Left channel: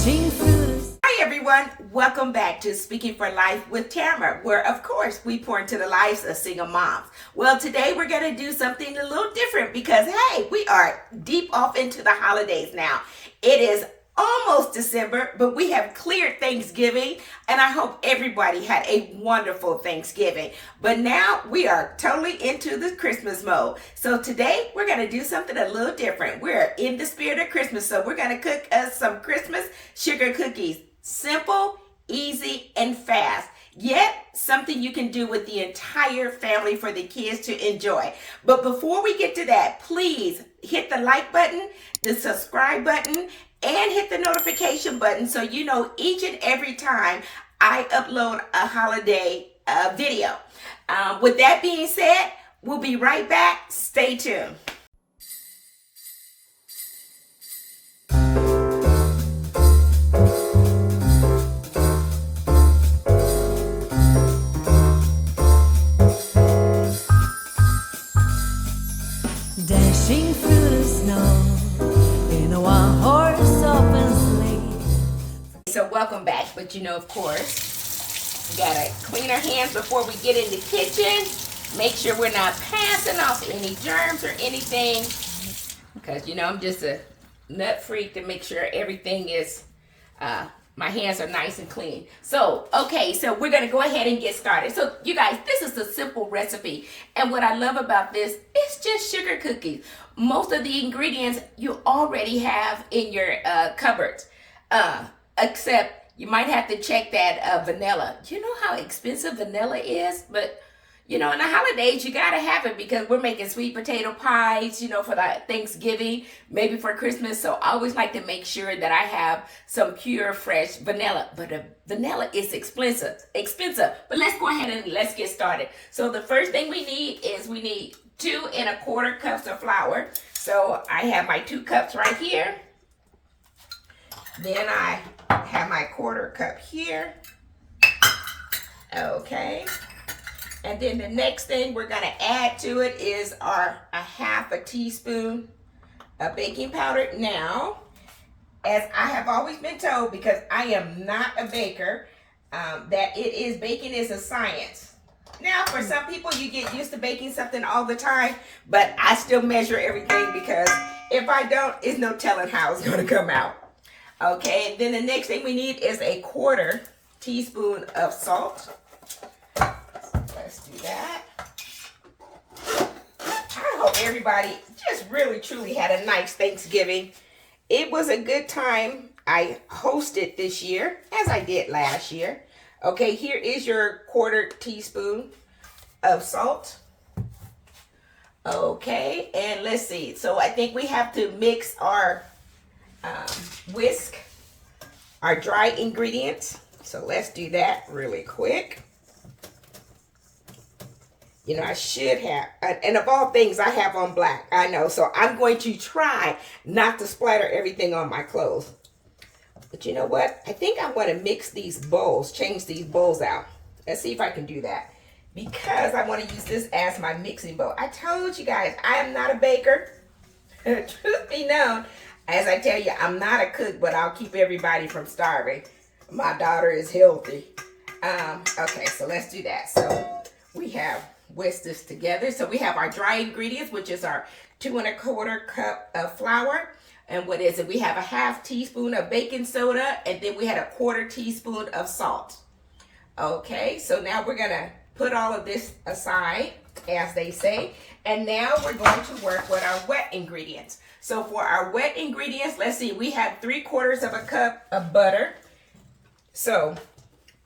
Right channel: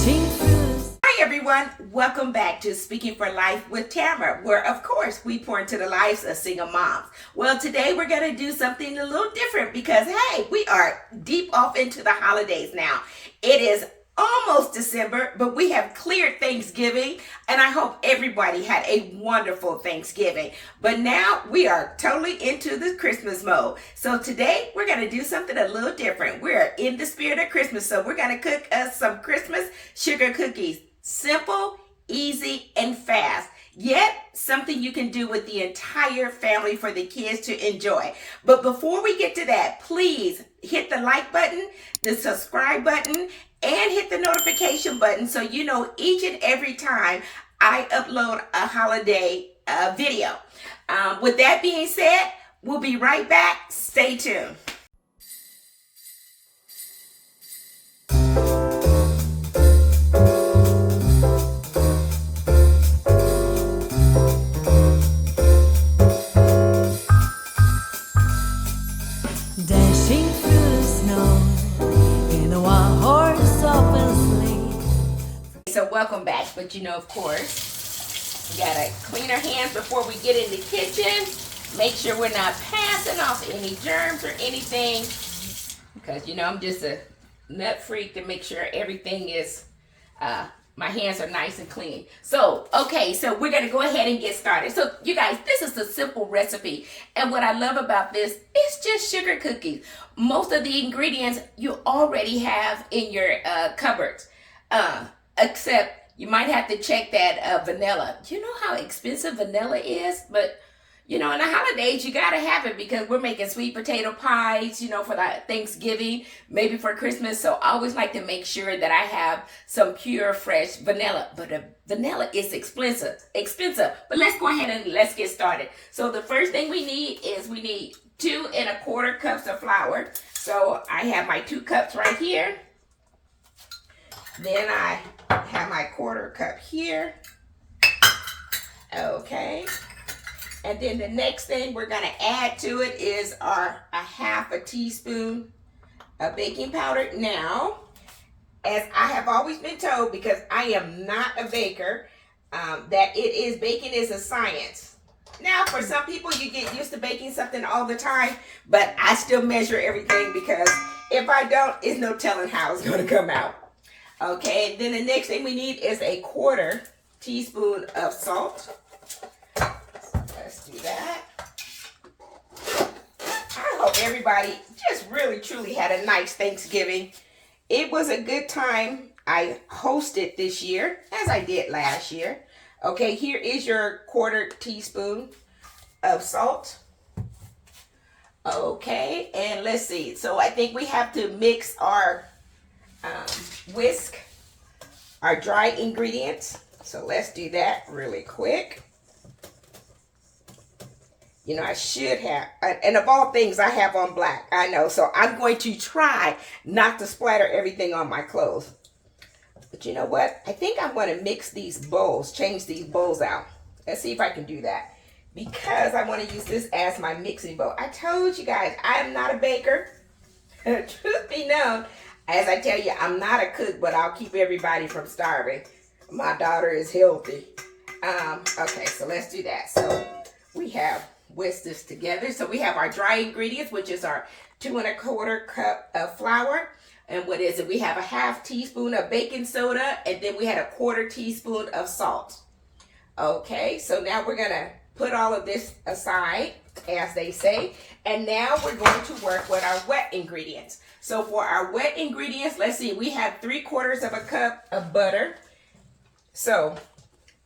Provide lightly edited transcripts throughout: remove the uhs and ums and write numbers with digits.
Hi everyone, welcome back to Speaking for Life with Tamara, where of course we pour into the lives of single moms. Well, today we're going to do something a little different because hey, we are deep off into the holidays now. It is almost December, but we have cleared Thanksgiving, and I hope everybody had a wonderful Thanksgiving. But now we are totally into the Christmas mode. So today we're going to do something a little different. We're in the spirit of Christmas, so we're going to cook us some Christmas sugar cookies. Simple, easy, and fast. Yet something you can do with the entire family for the kids to enjoy. But before we get to that, please hit the like button, the subscribe button, and hit the notification button so you know each and every time I upload a holiday video. With that being said, we'll be right back. Stay tuned. Dashing through the snow in a one-horse open sleigh. So welcome back, but you know, of course, we gotta clean our hands before we get in the kitchen. Make sure we're not passing off any germs or anything, because you know I'm just a nut freak to make sure everything is my hands are nice and clean. So, okay, so we're going to go ahead and get started. So, you guys, this is a simple recipe. And what I love about this, it's just sugar cookies. Most of the ingredients you already have in your cupboards. Except you might have to check that vanilla. You know how expensive vanilla is? But, you know, in the holidays, you got to have it because we're making sweet potato pies, you know, for the Thanksgiving, maybe for Christmas. So I always like to make sure that I have some pure, fresh vanilla. But the vanilla is expensive. But let's go ahead and let's get started. So the first thing we need is we need 2 1/4 cups of flour. So I have my 2 cups right here. Then I have my 1/4 cup here. Okay. And then the next thing we're going to add to it is a 1/2 teaspoon of baking powder. Now, as I have always been told, because I am not a baker, that baking is a science. Now, for some people, you get used to baking something all the time, but I still measure everything because if I don't, it's no telling how it's going to come out. Okay, then the next thing we need is a 1/4 teaspoon of salt. Let's do that. I hope everybody just really, truly had a nice Thanksgiving. It was a good time. I hosted this year, as I did last year. Okay, here is your 1/4 teaspoon of salt. Okay, and let's see. So I think we have to mix our whisk our dry ingredients. So let's do that really quick. You know, I should have, and of all things, I have on black. I know, so I'm going to try not to splatter everything on my clothes. But you know what? I think I'm going to mix these bowls, change these bowls out. Let's see if I can do that. Because I want to use this as my mixing bowl. I told you guys, I am not a baker. Truth be known, as I tell you, I'm not a cook, but I'll keep everybody from starving. My daughter is healthy. Okay, so let's do that. So we have whisk this together. So we have our dry ingredients, which is our 2 1/4 cup of flour. And what is it? We have a 1/2 teaspoon of baking soda, and then we had a 1/4 teaspoon of salt. Okay, so now we're gonna put all of this aside, as they say. And now we're going to work with our wet ingredients. So for our wet ingredients, let's see, we have 3/4 cup of butter. So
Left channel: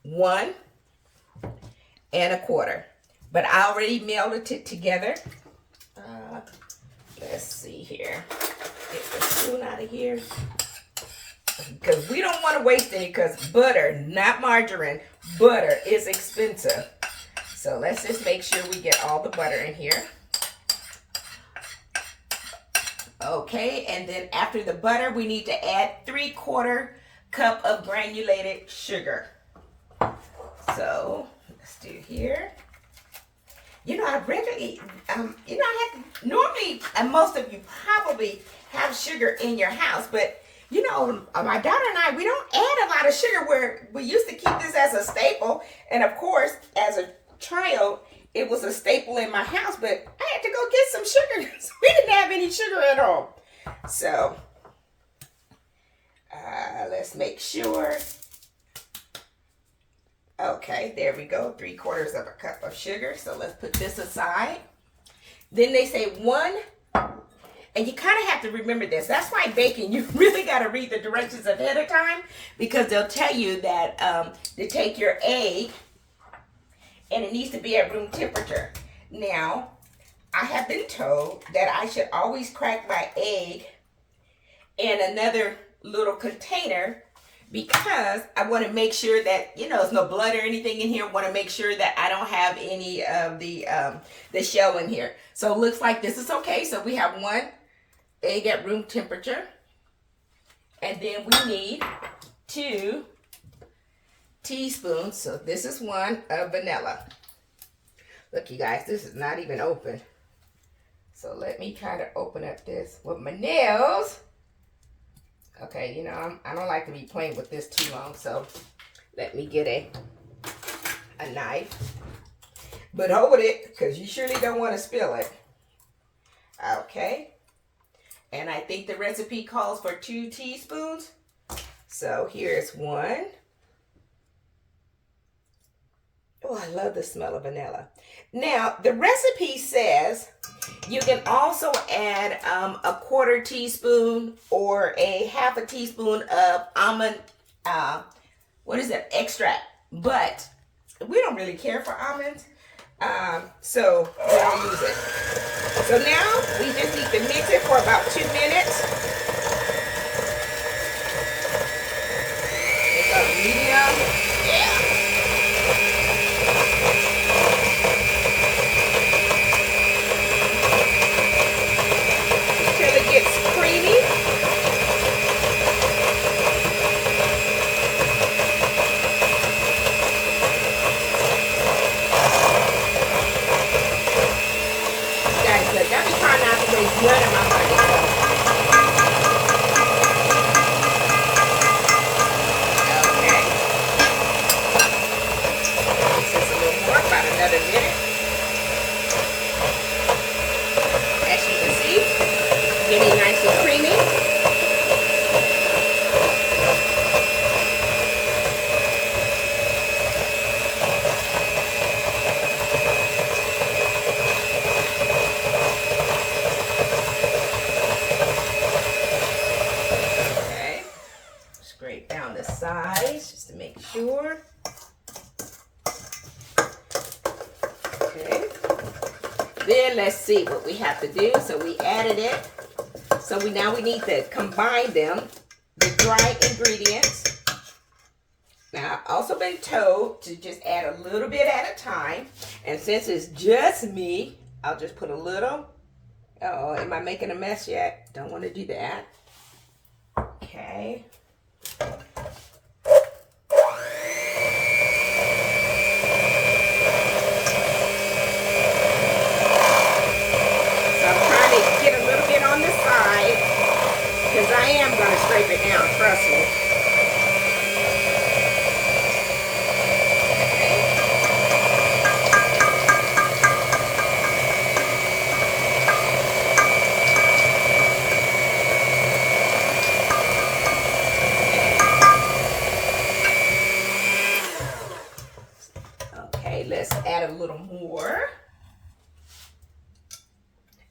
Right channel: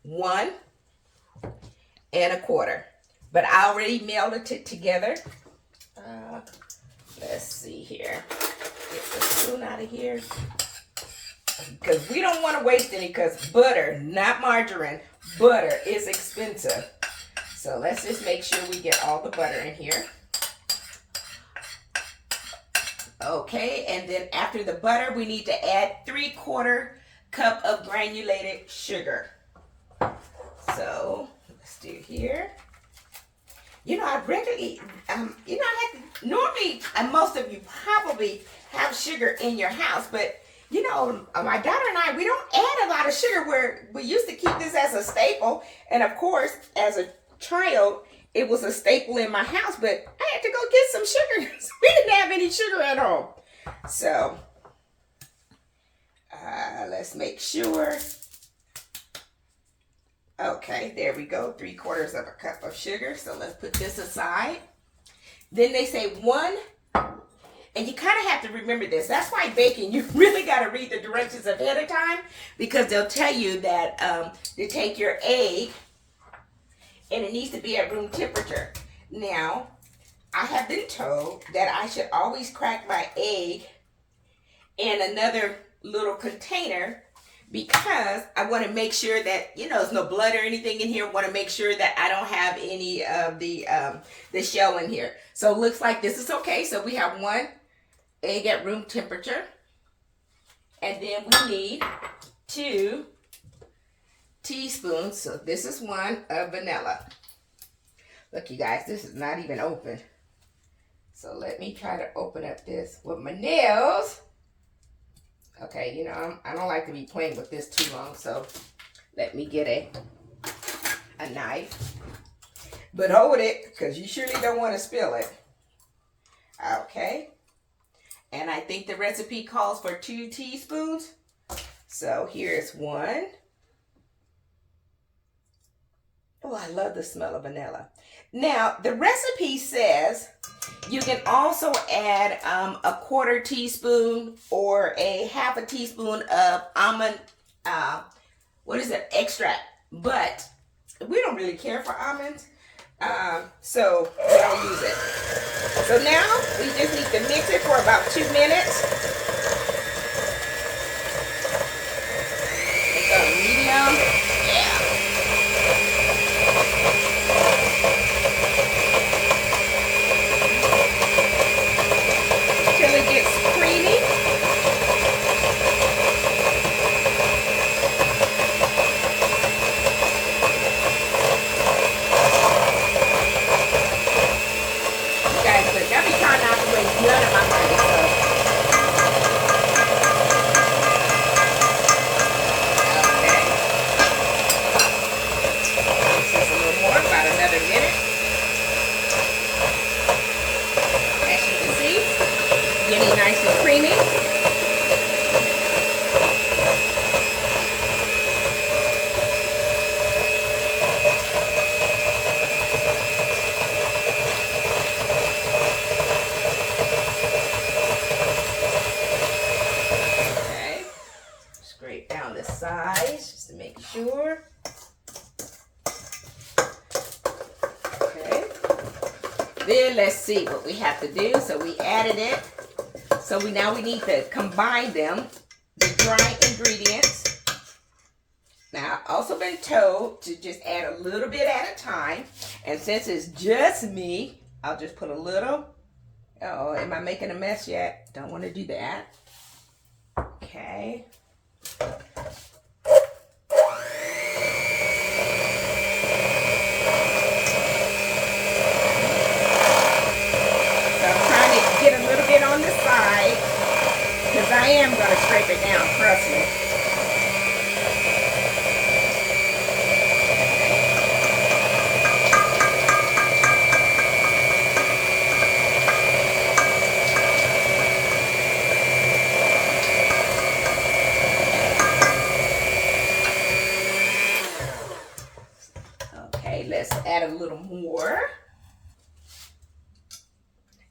1 1/4. But I already melted it together. Let's see here. Get the spoon out of here. Because we don't want to waste any, because butter, not margarine, butter is expensive. So let's just make sure we get all the butter in here. Okay, and then after the butter, we need to add 3/4 cup of granulated sugar. So let's do here. You know, I regularly, normally, most of you probably have sugar in your house, but you know, my daughter and I, we don't add a lot of sugar where we used to keep this as a staple. And of course, as a child, it was a staple in my house, but I had to go get some sugar because we didn't have any sugar at home. So, let's make sure. Okay, there we go. 3/4 of a cup of sugar. So let's put this aside. Then they say 1, and you kind of have to remember this. That's why baking, you really got to read the directions ahead of time, because they'll tell you that to take your egg, and it needs to be at room temperature. Now, I have been told that I should always crack my egg in another little container, because I want to make sure that, you know, there's no blood or anything in here. I want to make sure that I don't have any of the shell in here. So it looks like this is okay. So we have 1 egg at room temperature. And then we need 2 teaspoons. So this is 1 of vanilla. Look, you guys, this is not even open. So let me try to open up this with my nails. Okay, you know, I don't like to be playing with this too long, so let me get a knife. But hold it, because you surely don't want to spill it. Okay. And I think the recipe calls for 2 teaspoons. So here's 1. Oh, I love the smell of vanilla. Now, the recipe says you can also add a 1/4 teaspoon or a 1/2 teaspoon of almond, extract. But we don't really care for almonds, so we don't use it. So now we just need to mix it for about 2 minutes. It's on medium. Yeah. Sure. Okay. Then let's see what we have to do. So we added it. So now we need to combine them, the dry ingredients. Now I've also been told to just add a little bit at a time. And since it's just me, I'll just put a little. Uh-oh, am I making a mess yet? Don't want to do that. Okay. I am going to scrape it down, trust me. Okay, let's add a little more.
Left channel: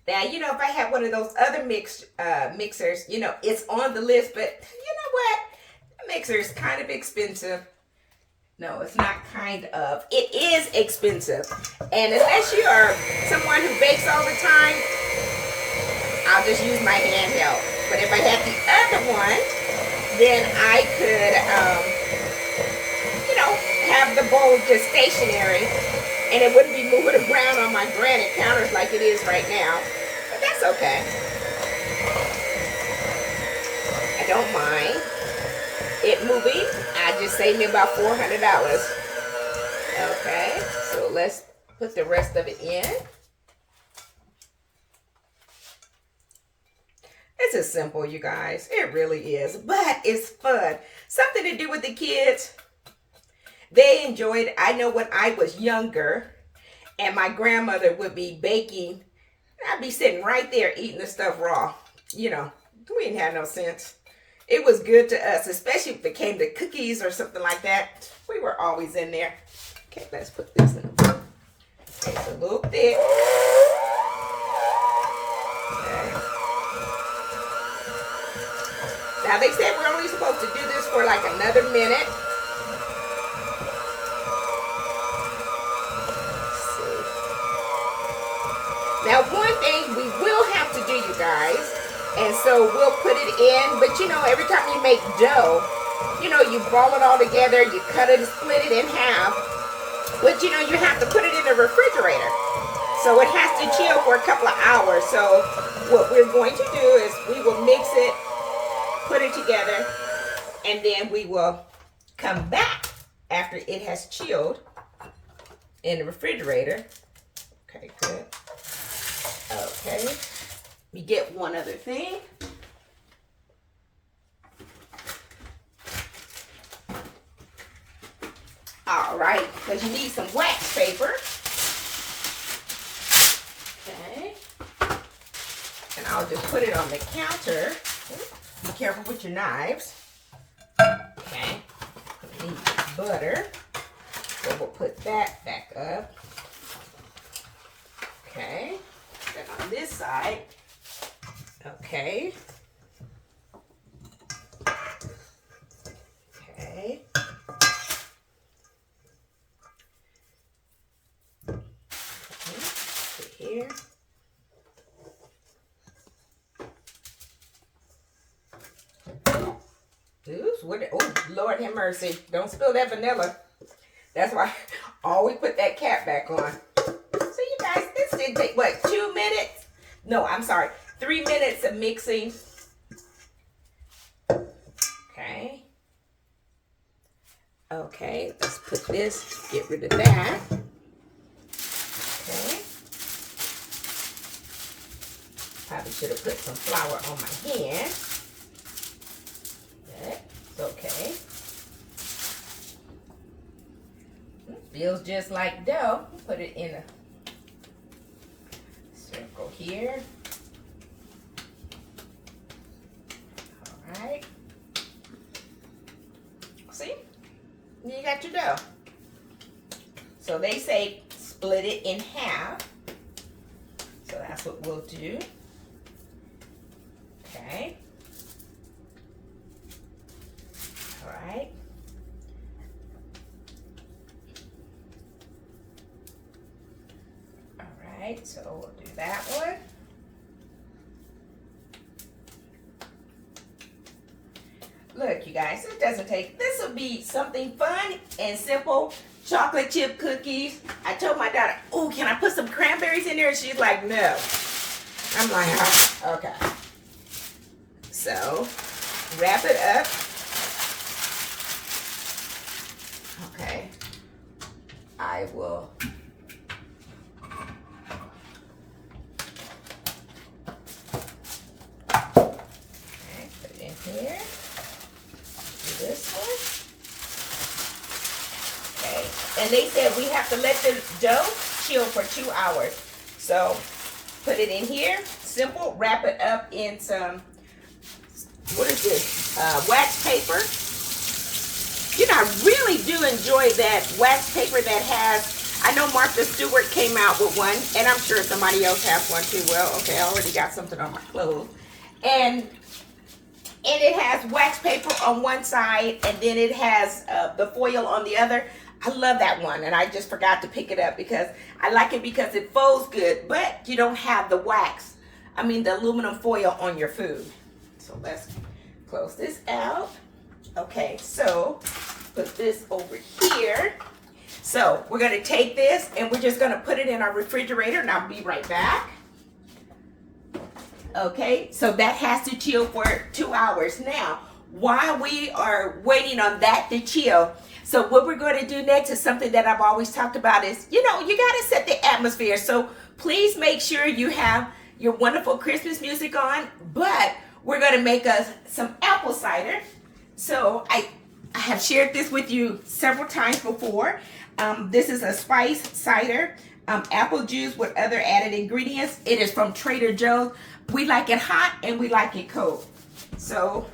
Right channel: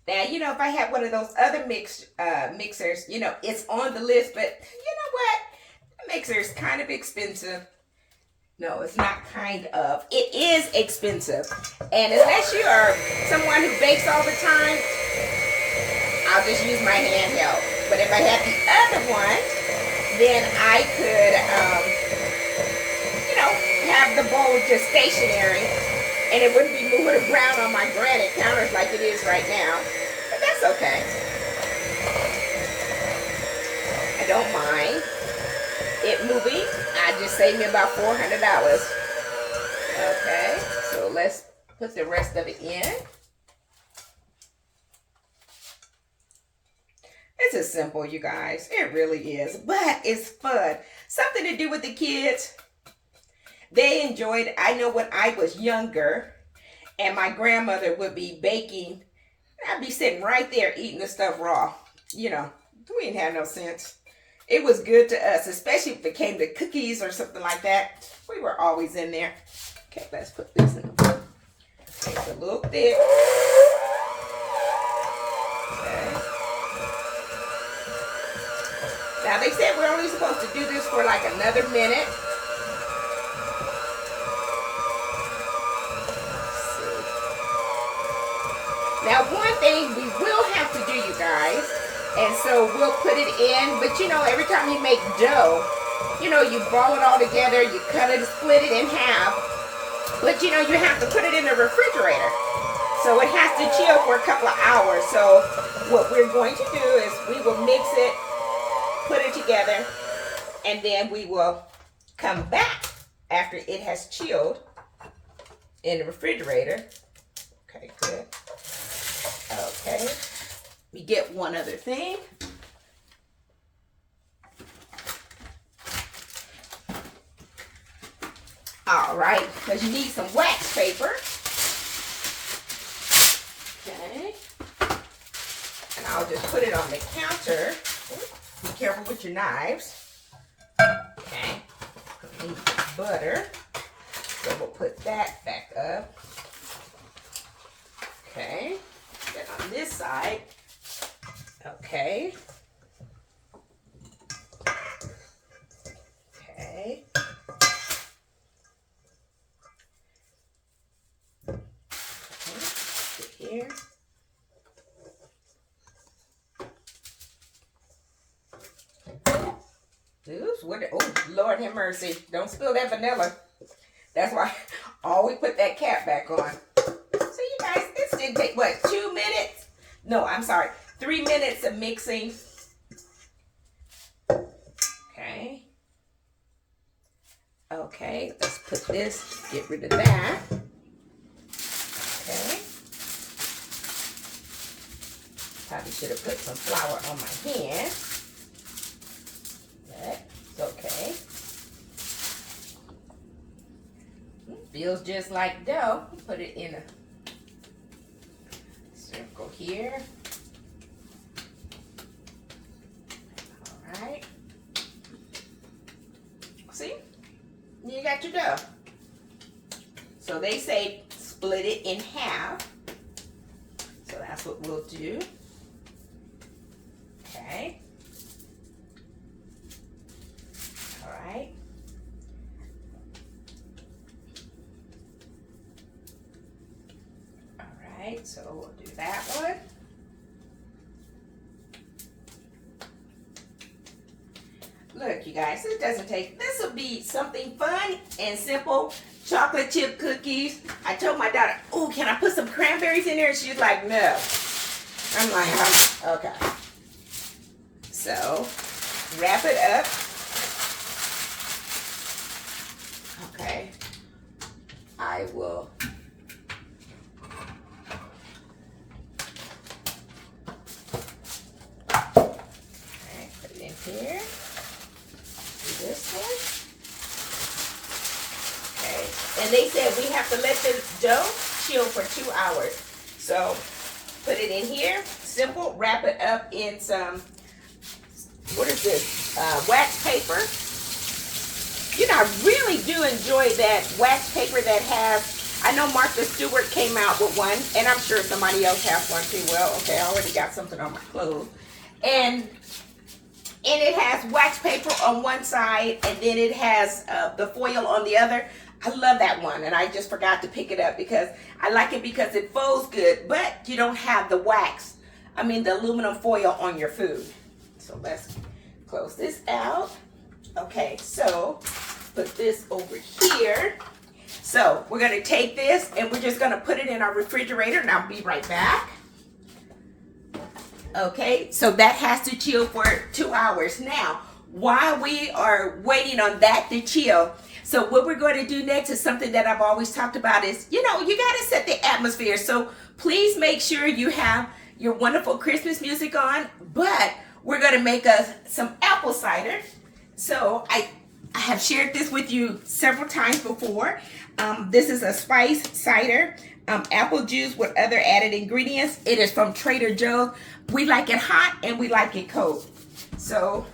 Now, you know, if I had one of those other mixers, you know, it's on the list, but you know what? The mixer is kind of expensive. No, it's not kind of. It is expensive. And unless you are someone who bakes all the time, I'll just use my handheld. But if I had the other one, then I could, you know, have the bowl just stationary, and it wouldn't be moving around on my granite counters like it is right now. But that's okay. I don't mind it moving. I just saved me about $400. Okay, so let's put the rest of it in. This is simple, you guys. It really is. But it's fun. Something to do with the kids. They enjoy it. I know when I was younger and my grandmother would be baking, I'd be sitting right there eating the stuff raw. You know, we didn't have no sense. It was good to us, especially if it came to cookies or something like that. We were always in there. Okay, let's put this in the book. It's a little thick. Okay. Now they said we're only supposed to do this for like another minute. Let's see. Now one thing we will have to do, you guys, and so we'll put it in, but you know, every time you make dough, you know, you ball it all together, you cut it, split it in half, but you know, you have to put it in the refrigerator. So it has to chill for a couple of hours. So what we're going to do is we will mix it, put it together, and then we will come back after it has chilled in the refrigerator. Okay, good. Okay, we get one other thing. All right, because you need some wax paper. Okay, and I'll just put it on the counter. Be careful with your knives. Okay, we need butter, so we'll put that back up. Okay, then on this side, okay. Okay. Here. Oops, what? Oh, Lord have mercy. Don't spill that vanilla. That's why I always put that cap back on. So you guys, this didn't take, what, 2 minutes? No, I'm sorry. 3 minutes of mixing. Okay. Okay, let's put this, get rid of that. Okay. Probably should have put some flour on my hand. That's okay. Feels just like dough. Put it in a circle here. All right. See? You got your dough. So they say split it in half. So that's what we'll do. Okay. All right. All right, so we'll do that one. Look, you guys, it doesn't take, this will be something fun and simple. Chocolate chip cookies. I told my daughter, oh, can I put some cranberries in there? And she's like, no. I'm like, oh, okay. So, wrap it up. Okay. I will. Okay, put it in here. Do this one. Okay. And they said we have to let the dough chill for 2 hours. So, put it in here. Simple. Wrap it up in some, what is this? Wax paper. You know, I really do enjoy that wax paper that has, I know Martha Stewart came out with one, and I'm sure somebody else has one too. Well, okay, I already got something on my clothes. And it has wax paper on one side, and then it has the foil on the other. I love that one, and I just forgot to pick it up because I like it because it folds good, but you don't have the wax, I mean the aluminum foil on your food. So let's close this out. Okay, so put this over here. So we're going to take this and we're just going to put it in our refrigerator, and I'll be right back. Okay, so that has to chill for 2 hours. Now, while we are waiting on that to chill, so what we're going to do next is something that I've always talked about is, you know, you got to set the atmosphere. So please make sure you have your wonderful Christmas music on, but we're going to make us some apple cider. So I have shared this with you several times before. This is a spice cider, apple juice with other added ingredients. It is from Trader Joe's. We like it hot and we like it cold. So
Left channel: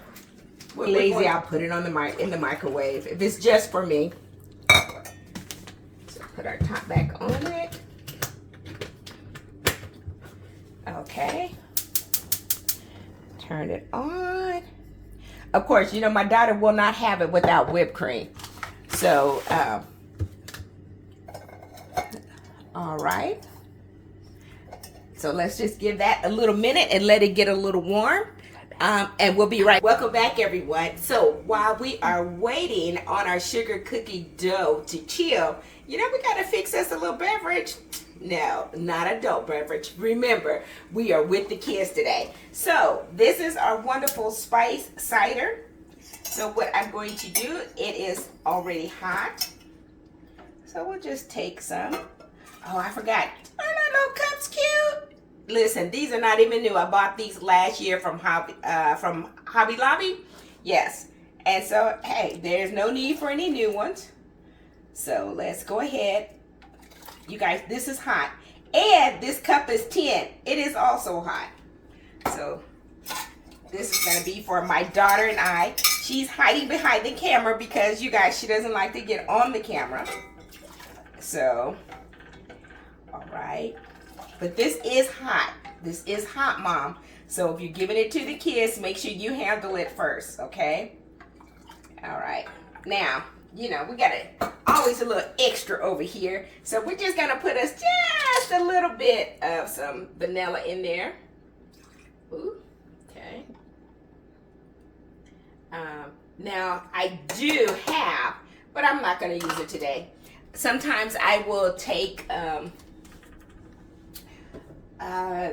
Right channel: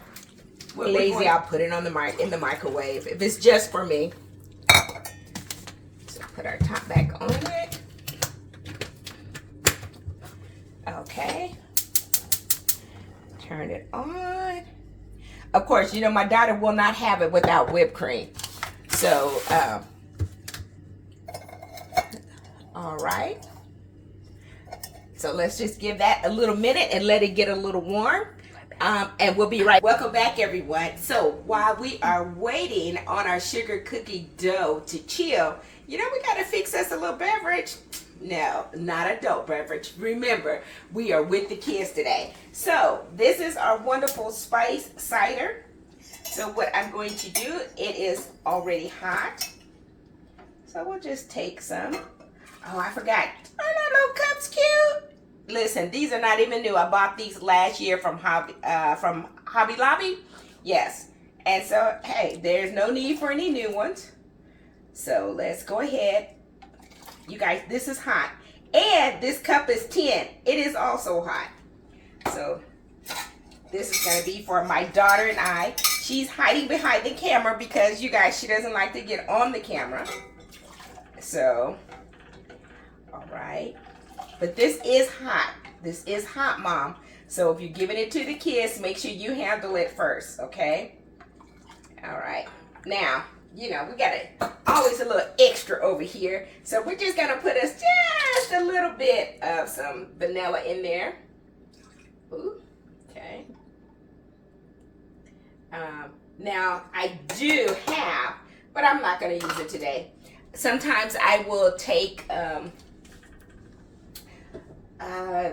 lazy, I'll put it on in the microwave if it's just for me. So put our top back on it. Okay. Turn it on. Of course, you know my daughter will not have it without whipped cream. So, all right. So let's just give that a little minute and let it get a little warm. And we'll be right. Welcome back, everyone. So while we are waiting on our sugar cookie dough to chill, you know, we got to fix us a little beverage. No, not adult beverage. Remember, we are with the kids today. So this is our wonderful spice cider. So what I'm going to do, it is already hot. So we'll just take some. Oh, I forgot. Are that little cups cute? Listen, these are not even new. I bought these last year from Hobby Lobby. Yes. And so, hey, there's no need for any new ones. So let's go ahead. You guys, this is hot. And this cup is tin. It is also hot. So this is going to be for my daughter and I. She's hiding behind the camera because, you guys, she doesn't like to get on the camera. So, all right. But this is hot. This is hot, Mom. So if you're giving it to the kids, make sure you handle it first, okay? All right. Now, you know, we got always a little extra over here. So we're just going to put us just a little bit of some vanilla in there. Ooh, okay. Now, I do have, but I'm not going to use it today. Sometimes I will take...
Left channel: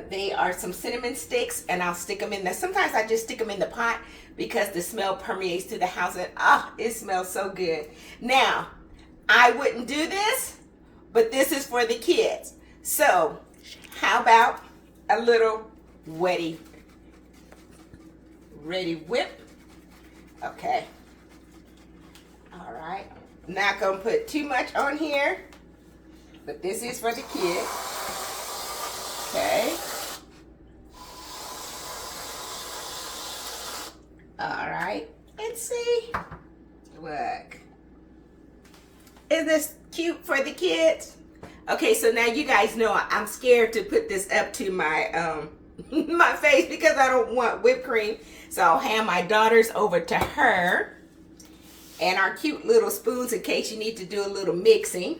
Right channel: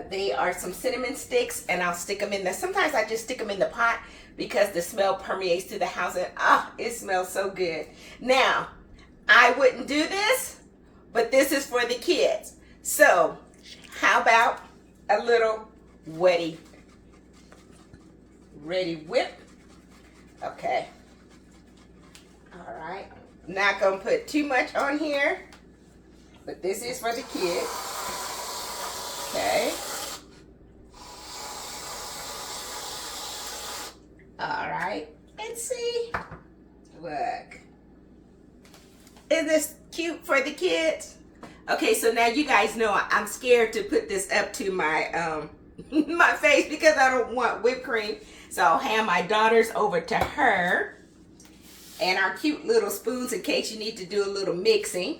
they are some cinnamon sticks and I'll stick them in there. Sometimes I just stick them in the pot because the smell permeates through the house and it smells so good. Now, I wouldn't do this, but this is for the kids. So, how about a little ready whip? Okay. All right. Not gonna put too much on here, but this is for the kids. Okay. All right. Let's see. Look. Is this cute for the kids? Okay, so now you guys know I'm scared to put this up to my my face because I don't want whipped cream. So I'll hand my daughters over to her and our cute little spoons in case you need to do a little mixing.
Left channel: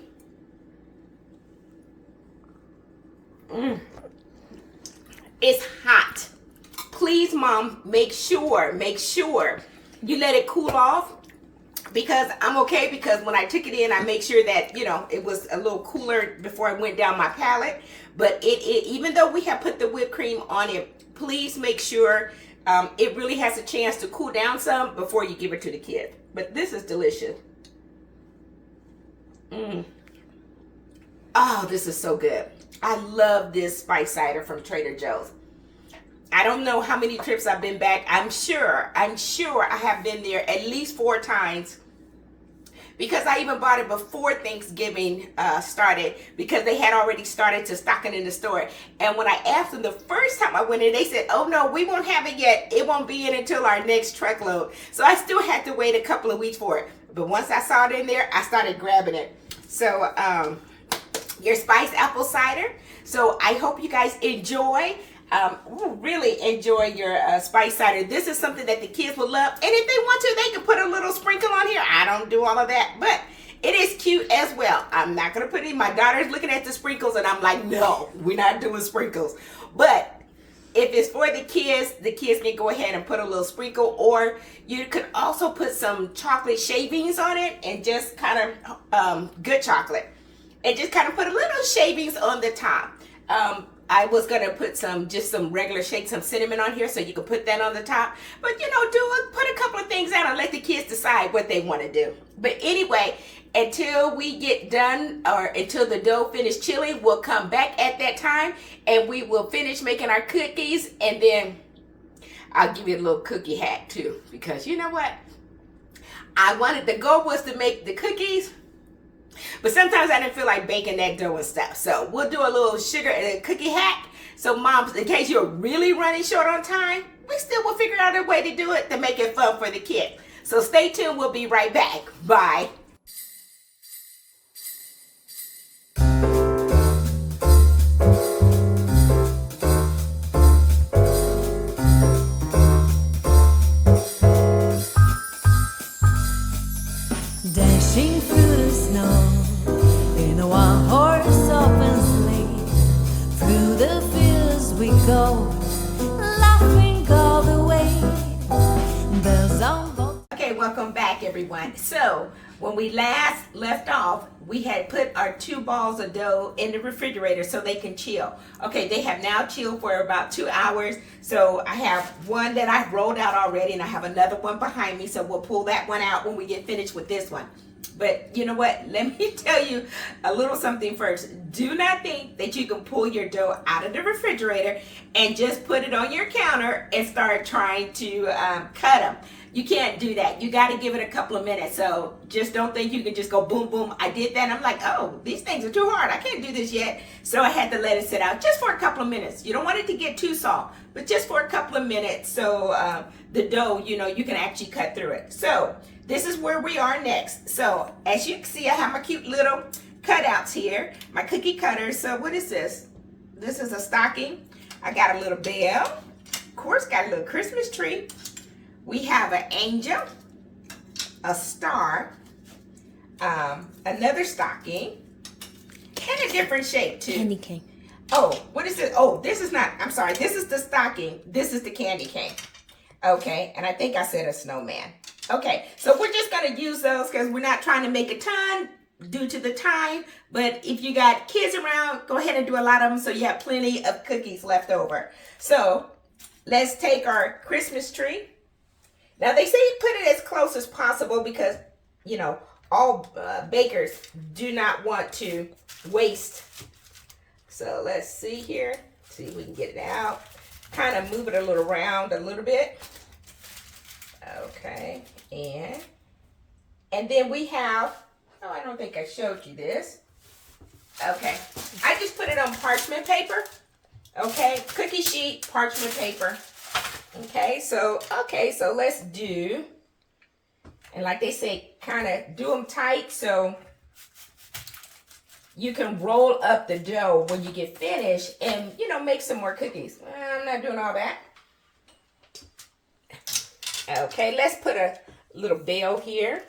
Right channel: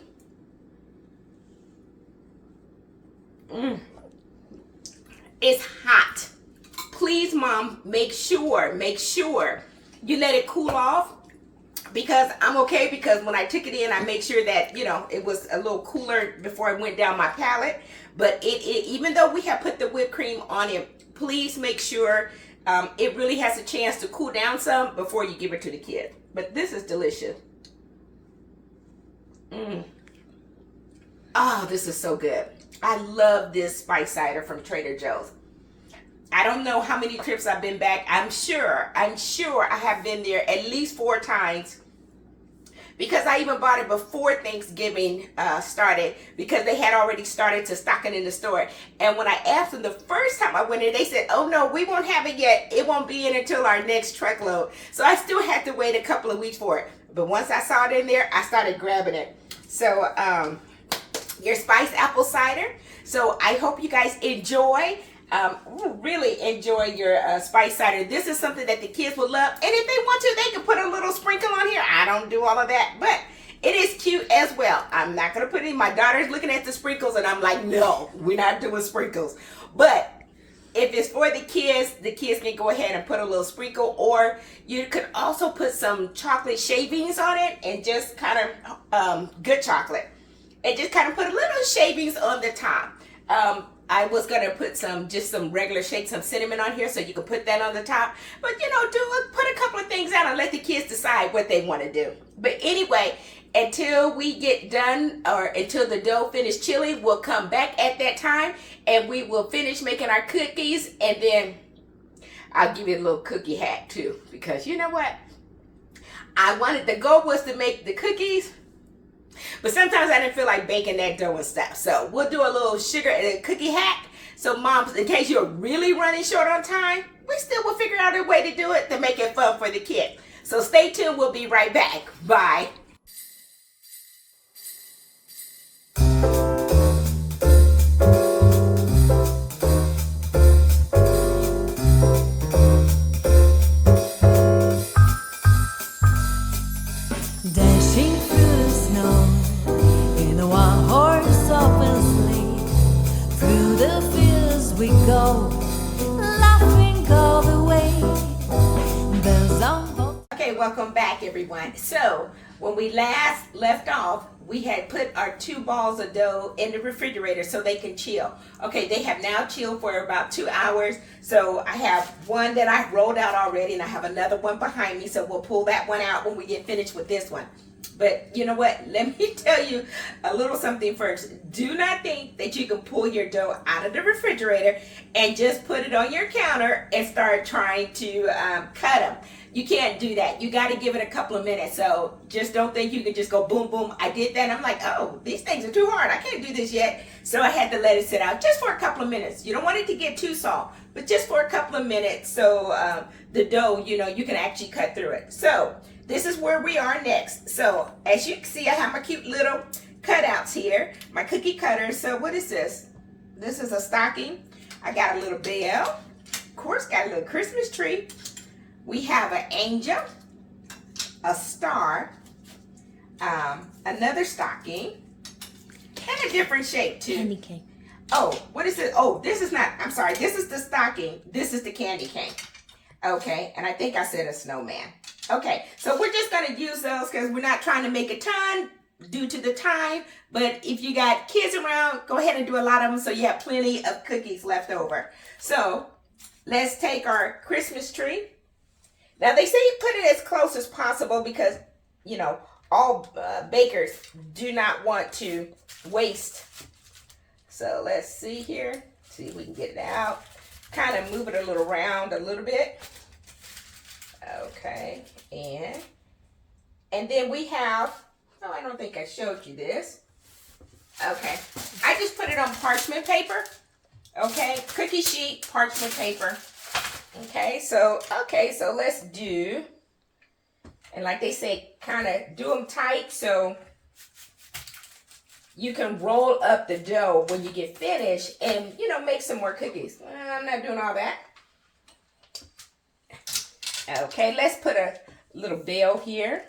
It's hot. Please, Mom, make sure you let it cool off because I'm okay because when I took it in, I make sure that, you know, it was a little cooler before it went down my palate. But it even though we have put the whipped cream on it, please make sure it really has a chance to cool down some before you give it to the kids. But this is delicious. Oh, this is so good. I love this spice cider from Trader Joe's. I don't know how many trips I've been back. I'm sure I have been there at least 4 times because I even bought it before Thanksgiving started because they had already started to stock it in the store. And when I asked them the first time I went in, they said, oh no, we won't have it yet. It won't be in until our next truckload. So I still had to wait a couple of weeks for it. But once I saw it in there, I started grabbing it. So your spiced apple cider. So I hope you guys enjoy. Really enjoy your spice cider. This is something that the kids will love. And if they want to, they can put a little sprinkle on here. I don't do all of that, but it is cute as well. I'm not going to put it in. My daughter's looking at the sprinkles and I'm like, no, we're not doing sprinkles. But if it's for the kids can go ahead and put a little sprinkle, or you could also put some chocolate shavings on it and just kind of good chocolate. And just kind of put a little shavings on the top. I was going to put some regular shake, some cinnamon on here so you can put that on the top. But, you know, put a couple of things out and let the kids decide what they want to do. But anyway, until we get done or until the dough finish chilling, we'll come back at that time and we will finish making our cookies. And then I'll give you a little cookie hack too, because you know what? The goal was to make the cookies, but sometimes I didn't feel like baking that dough and stuff. So we'll do a little sugar and a cookie hack. So moms, in case you're really running short on time, we still will figure out a way to do it to make it fun for the kid. So stay tuned, we'll be right back. Bye. Dashing through the snow in a one-horse open sleigh. Through the fields we go, laughing all the way. Bells on both. Okay, welcome back everyone. So when we last left off, we had put our 2 balls of dough in the refrigerator so they can chill. Okay, they have now chilled for about 2 hours. So I have one that I rolled out already, and I have another one behind me. So we'll pull that one out when we get finished with this one. But you know what? Let me tell you a little something first. Do not think that you can pull your dough out of the refrigerator and just put it on your counter and start trying to cut them. You can't do that. You got to give it a couple of minutes. So just don't think you can just go boom, boom. I did that. I'm like, oh, these things are too hard. I can't do this yet. So I had to let it sit out just for a couple of minutes. You don't want it to get too soft, but just for a couple of minutes. So the dough, you know, you can actually cut through it. So this is where we are next. So as you can see, I have my cute little cutouts here, my cookie cutters. So what is this? This is a stocking. I got a little bell. Of course, got a little Christmas tree. We have an angel, a star, another stocking, and a different shape too. Candy cane. Oh, what is it? Oh, this is not, I'm sorry, this is the stocking. This is the candy cane. Okay, and I think I said a snowman. Okay, so we're just gonna use those because we're not trying to make a ton due to the time, but if you got kids around, go ahead and do a lot of them so you have plenty of cookies left over. So let's take our Christmas tree. Now they say put it as close as possible because, you know, all bakers do not want to waste. So let's see here. See if we can get it out. Kind of move it a little around a little bit. Okay, and then we have, oh, I don't think I showed you this. Okay, I just put it on parchment paper. Okay, cookie sheet, parchment paper. Okay, so let's do, and like they say, kind of do them tight so you can roll up the dough when you get finished and, you know, make some more cookies. I'm not doing all that. Okay, let's put a little bell here.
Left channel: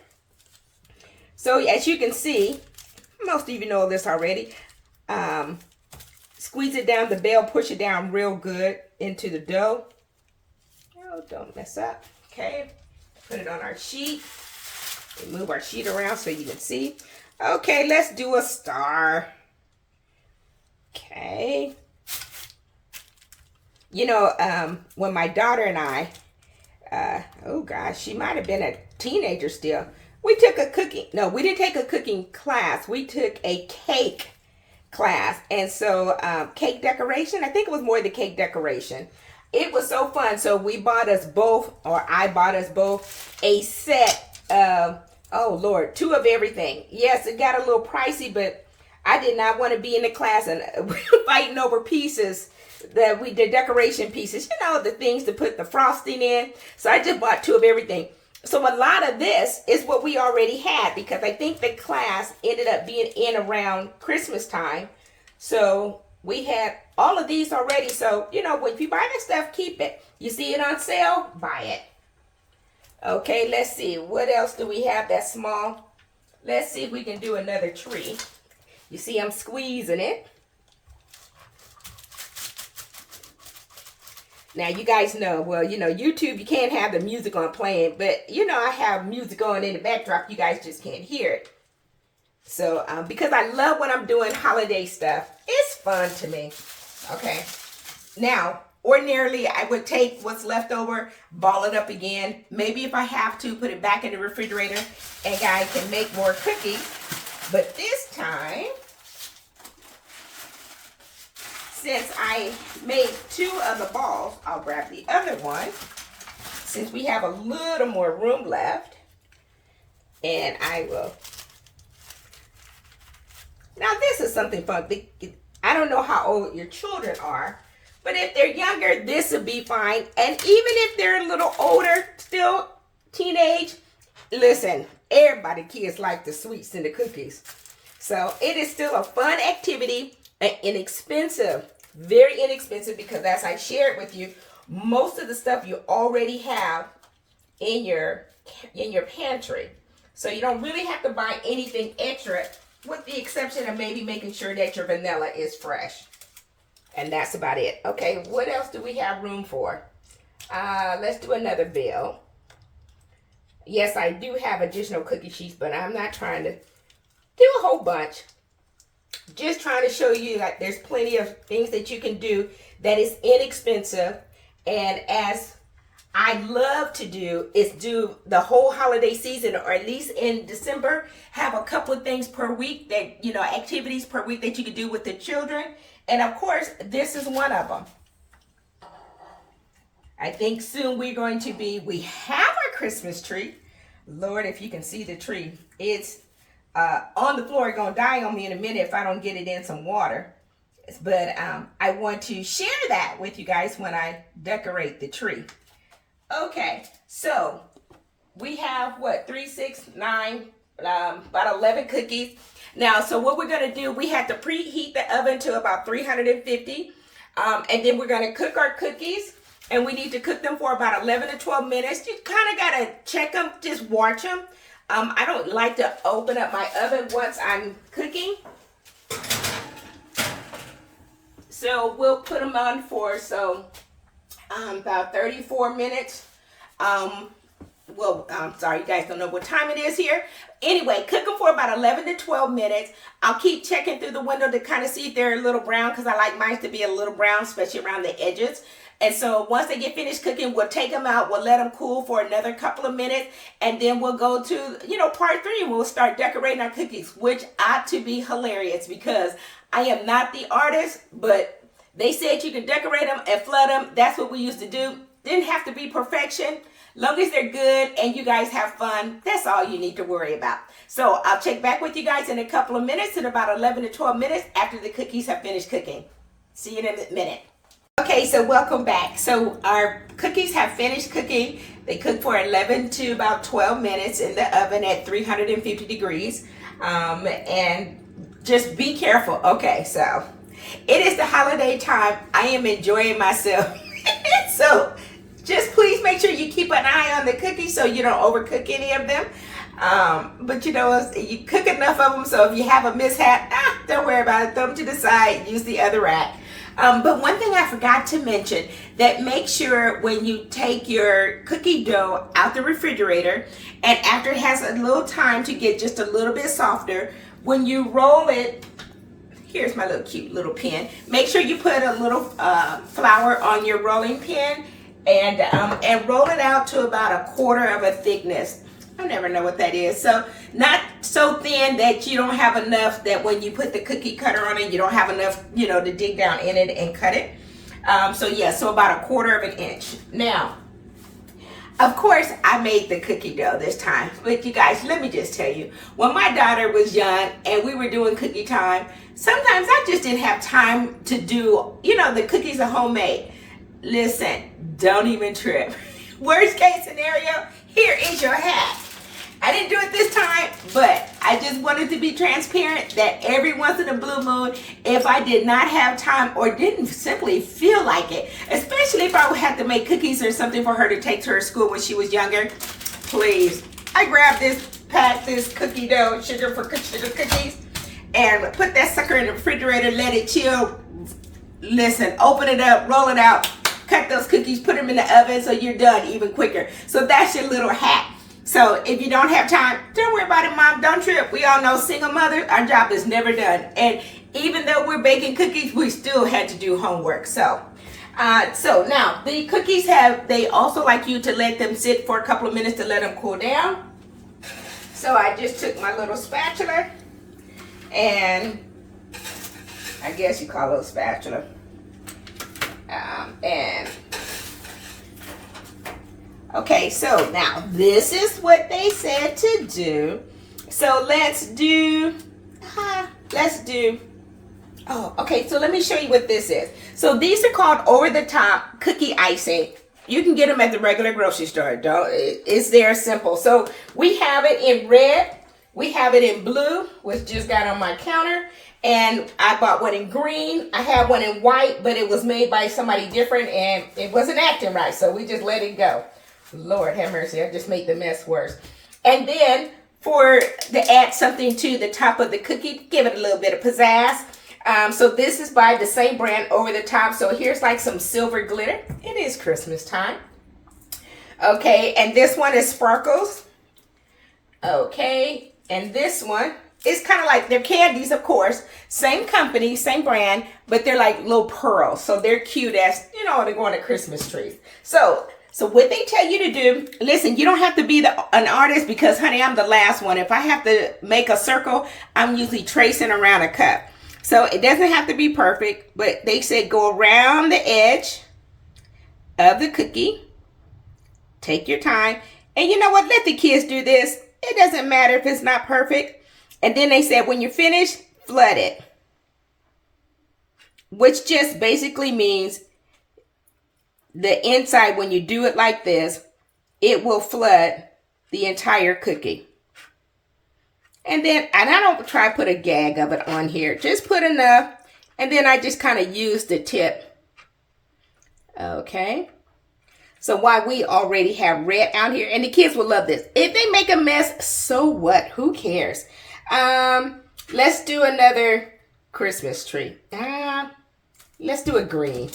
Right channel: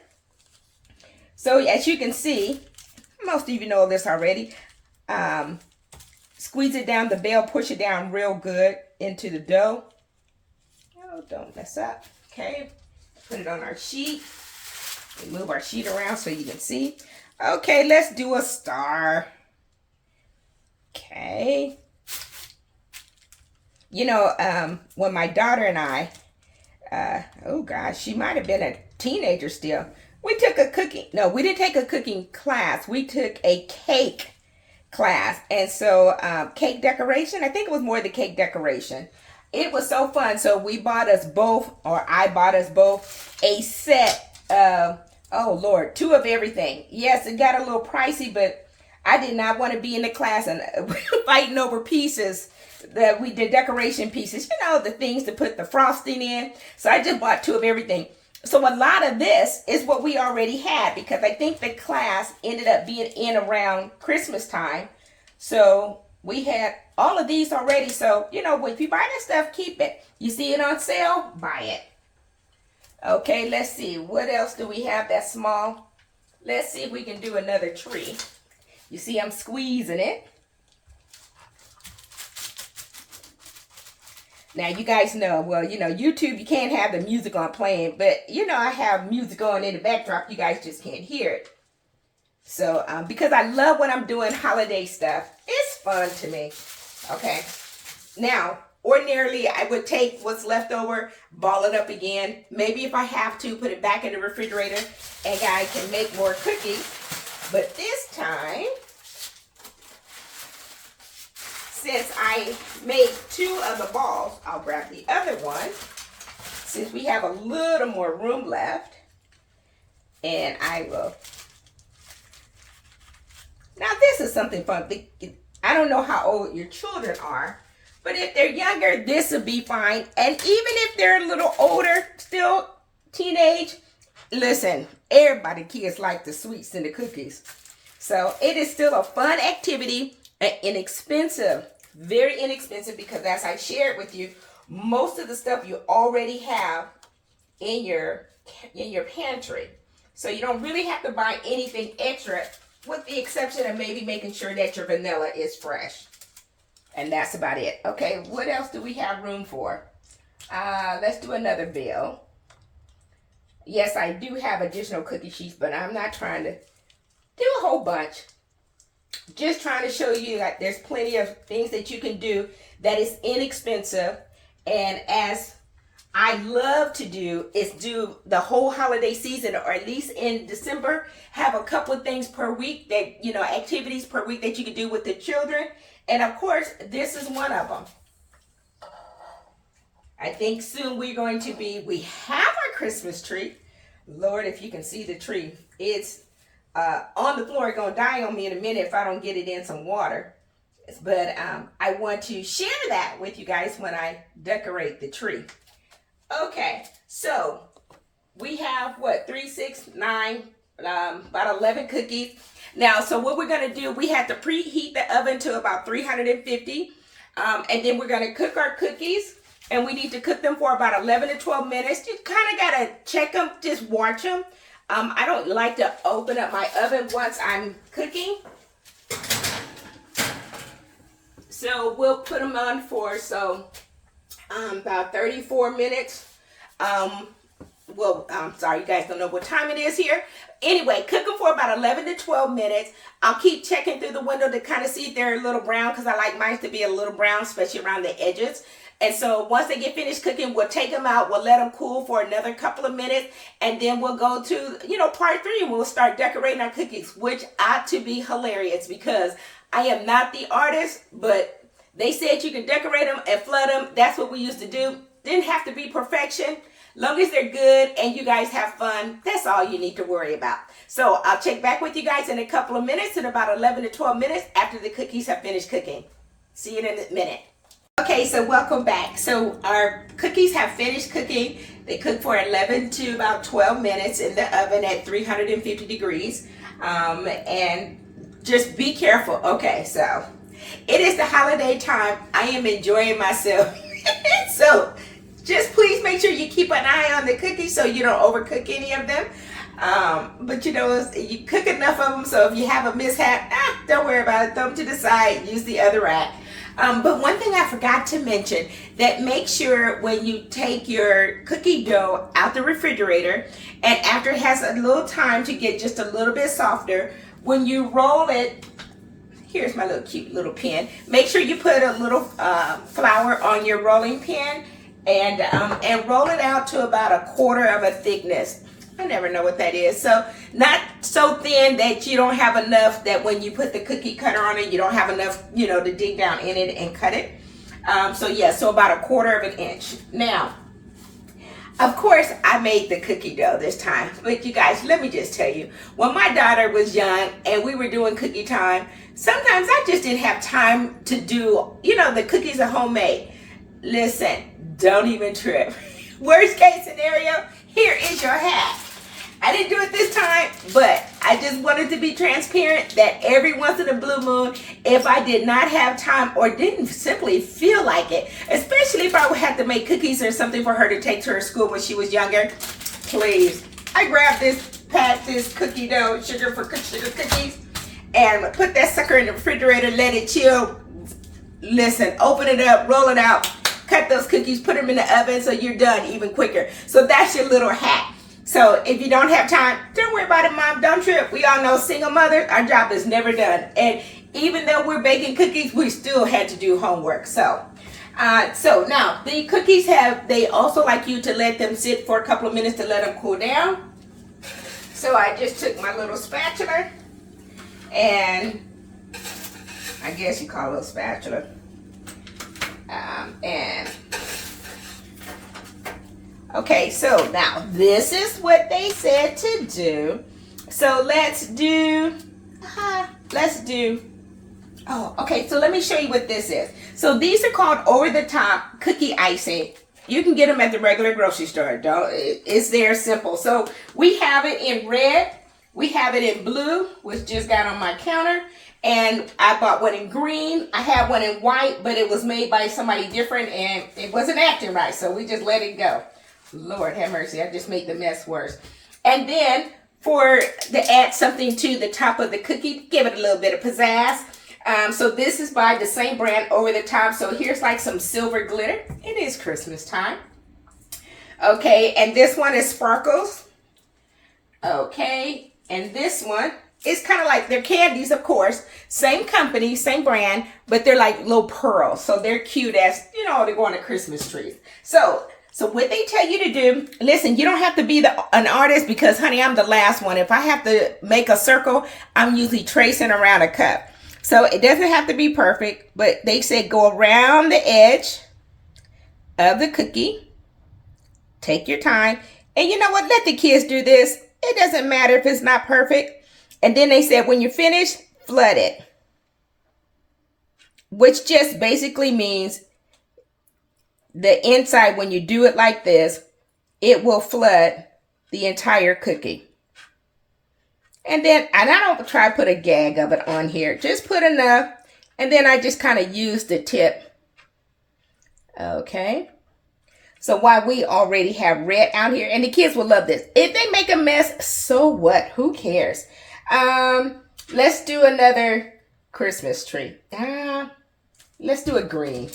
So as you can see, most of you know this already. Squeeze it down, the bell, push it down real good into the dough. Oh, don't mess up. Okay, put it on our sheet. We move our sheet around so you can see. Okay, let's do a star. Okay. You know, when my daughter and I, oh gosh, she might have been a teenager still. We took a cooking, no, we didn't take a cooking class. We took a cake class. And so cake decoration, I think it was more the cake decoration. It was so fun. So we bought us both, or I bought us both, a set of, oh Lord, 2 of everything. Yes, it got a little pricey, but I did not want to be in the class and fighting over pieces. The decoration pieces, you know, the things to put the frosting in. So I just bought 2 of everything. So a lot of this is what we already had because I think the class ended up being in around Christmas time. So we had all of these already. So, you know, if you buy this stuff, keep it. You see it on sale, buy it. Okay, let's see. What else do we have that's small? Let's see if we can do another tree. You see I'm squeezing it. Now, you guys know, well, you know, YouTube, you can't have the music on playing, but, you know, I have music on in the backdrop. You guys just can't hear it. So, because I love when I'm doing holiday stuff, it's fun to me. Okay. Now, ordinarily, I would take what's left over, ball it up again. Maybe if I have to, put it back in the refrigerator, and I can make more cookies. But this time, since I made 2 of the balls, I'll grab the other one. since we have a little more room left, and I will. Now this is something fun. I don't know how old your children are, but if they're younger, this would be fine. And even if they're a little older, still teenage, listen, everybody, kids like the sweets and the cookies. So it is still a fun activity and inexpensive, very inexpensive, because as I shared with you, most of the stuff you already have in your pantry. So you don't really have to buy anything extra, with the exception of maybe making sure that your vanilla is fresh. And that's about it. Okay, what else do we have room for? Let's do another bill. Yes, I do have additional cookie sheets, but I'm not trying to do a whole bunch. Just trying to show you that there's plenty of things that you can do that is inexpensive. And as I love to do is do the whole holiday season, or at least in December, have a couple of things per week that, activities per week that you can do with the children. And of course, this is one of them. I think soon we have our Christmas tree. Lord, if you can see the tree, it's on the floor. It's going to die on me in a minute if I don't get it in some water. But I want to share that with you guys when I decorate the tree. Okay, so we have what, 3, 6, 9, about 11 cookies. Now, so what we're going to do, we have to preheat the oven to about 350. And then we're going to cook our cookies. And we need to cook them for about 11 to 12 minutes. You kind of got to check them, just watch them. I don't like to open up my oven once I'm cooking. So we'll put them on for about 34 minutes. Well, I'm sorry, you guys don't know what time it is here. Anyway, cook them for about 11 to 12 minutes. I'll keep checking through the window to kind of see if they're a little brown, because I like mine to be a little brown, especially around the edges. And so once they get finished cooking, we'll take them out. We'll let them cool for another couple of minutes. And then we'll go to, part 3, and we'll start decorating our cookies, which ought to be hilarious, because I am not the artist, but they said you can decorate them and flood them. That's what we used to do. Didn't have to be perfection. Long as they're good and you guys have fun, that's all you need to worry about. So I'll check back with you guys in a couple of minutes, in about 11 to 12 minutes after the cookies have finished cooking. See you in a minute. Okay, so welcome back. So our cookies have finished cooking. They cooked for 11 to about 12 minutes in the oven at 350 degrees. And just be careful. Okay, so it is the holiday time. I am enjoying myself. So just please make sure you keep an eye on the cookies so you don't overcook any of them. But you cook enough of them, so if you have a mishap, don't worry about it. Throw them to the side, use the other rack. But one thing I forgot to mention, that make sure when you take your cookie dough out the refrigerator, and after it has a little time to get just a little bit softer, when you roll it, here's my little cute little pin. Make sure you put a little flour on your rolling pin and roll it out to about 1/4 of a thickness. I never know what that is. So not so thin that you don't have enough that when you put the cookie cutter on it, you don't have enough, to dig down in it and cut it. So about 1/4 of an inch. Now, of course, I made the cookie dough this time. But you guys, let me just tell you, when my daughter was young and we were doing cookie time, sometimes I just didn't have time to do, the cookies are homemade. Listen, don't even trip. Worst case scenario, here is your hat. I didn't do it this time, but I just wanted to be transparent that every once in a blue moon, if I did not have time or didn't simply feel like it, especially if I would have to make cookies or something for her to take to her school when she was younger, please, I grabbed this cookie dough, sugar cookies, and put that sucker in the refrigerator, let it chill. Listen, open it up, roll it out, cut those cookies, put them in the oven so you're done even quicker. So that's your little hack. So if you don't have time, don't worry about it, Mom. Don't trip. We all know single mothers, our job is never done. And even though we're baking cookies, we still had to do homework. So now the cookies they also like you to let them sit for a couple of minutes to let them cool down. So I just took my little spatula, and I guess you call it a spatula. And Okay, so now this is what they said to do. So oh, okay, so let me show you what this is. So these are called over-the-top cookie icing. You can get them at the regular grocery store. It's there simple. So we have it in red. We have it in blue, which just got on my counter. And I bought one in green. I had one in white, but it was made by somebody different and it wasn't acting right. So we just let it go. Lord have mercy, I just made the mess worse. And then to add something to the top of the cookie, give it a little bit of pizzazz. So this is by the same brand, Over the Top. So here's like some silver glitter. It is Christmas time. Okay, and this one is sparkles. Okay, and this one is kind of like, they're candies, of course. Same company, same brand, but they're like little pearls. So they're cute as, they go on a Christmas tree. So what they tell you to do, listen, you don't have to be an artist because, honey, I'm the last one. If I have to make a circle, I'm usually tracing around a cup. So it doesn't have to be perfect, but they said go around the edge of the cookie. Take your time. And you know what? Let the kids do this. It doesn't matter if it's not perfect. And then they said when you're finished, flood it. Which just basically means the inside, when you do it like this, it will flood the entire cookie. And I don't try to put a gag of it on here. Just put enough. And then I just kind of use the tip. Okay. So while we already have red out here, and the kids will love this. If they make a mess, so what? Who cares? Let's do another Christmas tree. Let's do a green.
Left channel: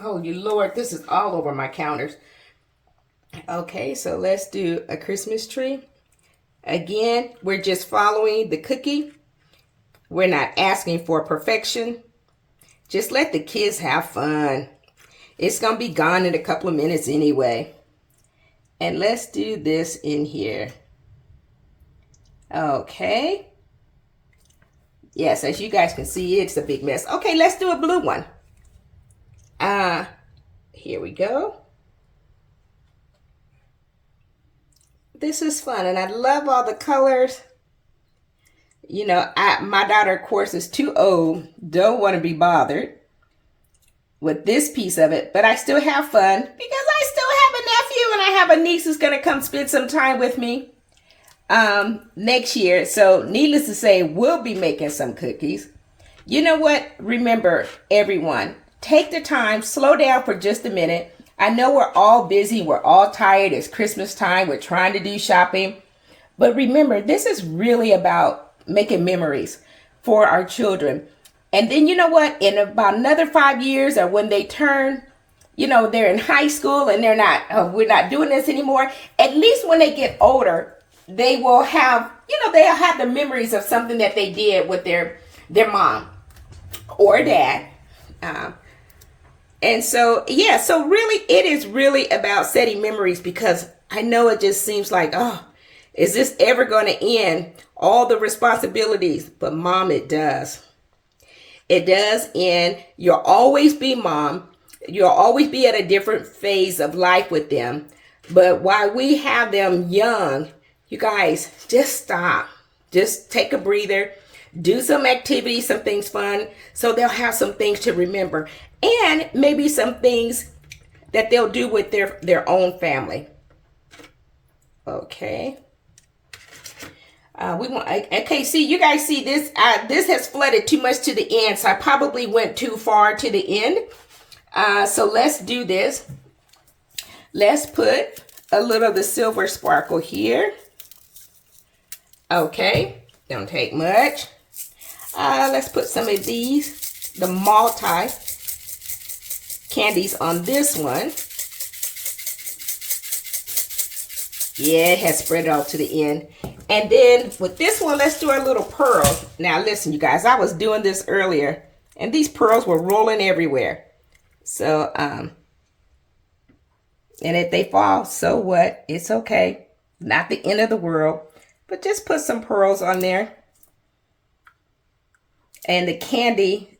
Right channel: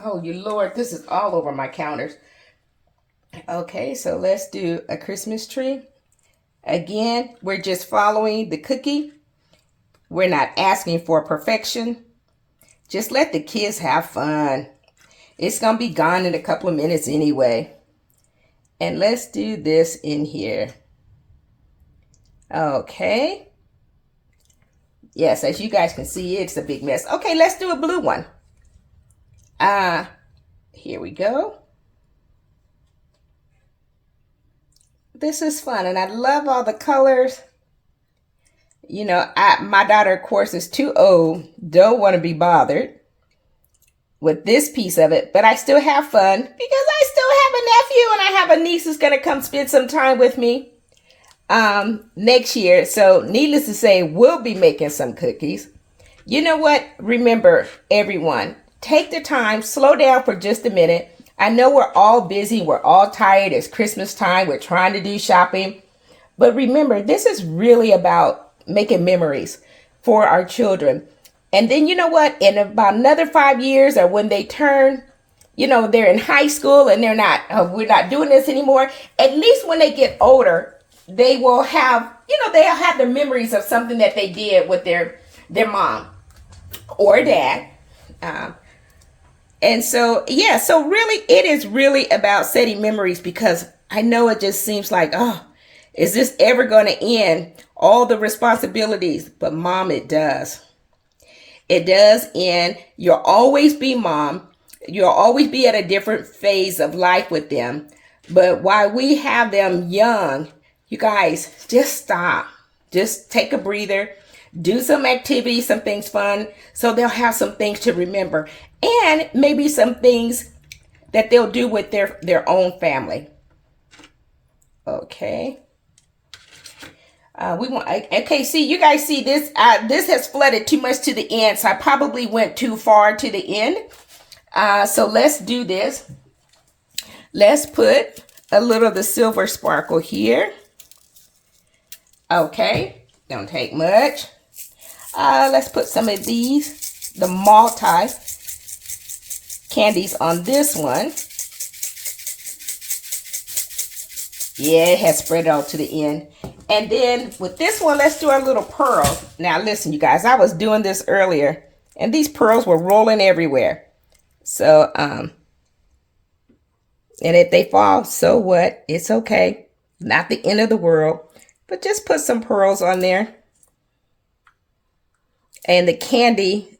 Oh, you Lord, this is all over my counters. Okay, so let's do a Christmas tree. Again, we're just following the cookie. We're not asking for perfection. Just let the kids have fun. It's going to be gone in a couple of minutes anyway. And let's do this in here. Okay. Yes, as you guys can see, it's a big mess. Okay, let's do a blue one. Here we go. This is fun, and I love all the colors. My daughter, of course, is too old. Don't want to be bothered with this piece of it, but I still have fun because I still have a nephew and I have a niece who's going to come spend some time with me next year. So needless to say, we'll be making some cookies. You know what? Remember, everyone, take the time, slow down for just a minute. I know we're all busy. We're all tired. It's Christmas time. We're trying to do shopping. But remember, this is really about making memories for our children. And then you know what? In about another 5 years, or when they turn, they're in high school and we're not doing this anymore. At least when they get older, they will have, they'll have the memories of something that they did with their mom or dad. And so, so really, it is really about setting memories, because I know it just seems like, is this ever going to end? All the responsibilities. But Mom, it does. It does end. You'll always be mom. You'll always be at a different phase of life with them. But while we have them young, you guys, just stop. Just take a breather. Do some activities, some things fun, so they'll have some things to remember. And maybe some things that they'll do with their own family. Okay. Okay, see, you guys see this, this has flooded too much to the end, so I probably went too far to the end. So let's do this. Let's put a little of the silver sparkle here. Okay, don't take much. Let's put some of these, the multi candies on this one. Yeah, it has spread out to the end. And then with this one, let's do our little pearls. Now listen, you guys, I was doing this earlier and these pearls were rolling everywhere. So, and if they fall, so what? It's okay. Not the end of the world, but just put some pearls on there. And the candy,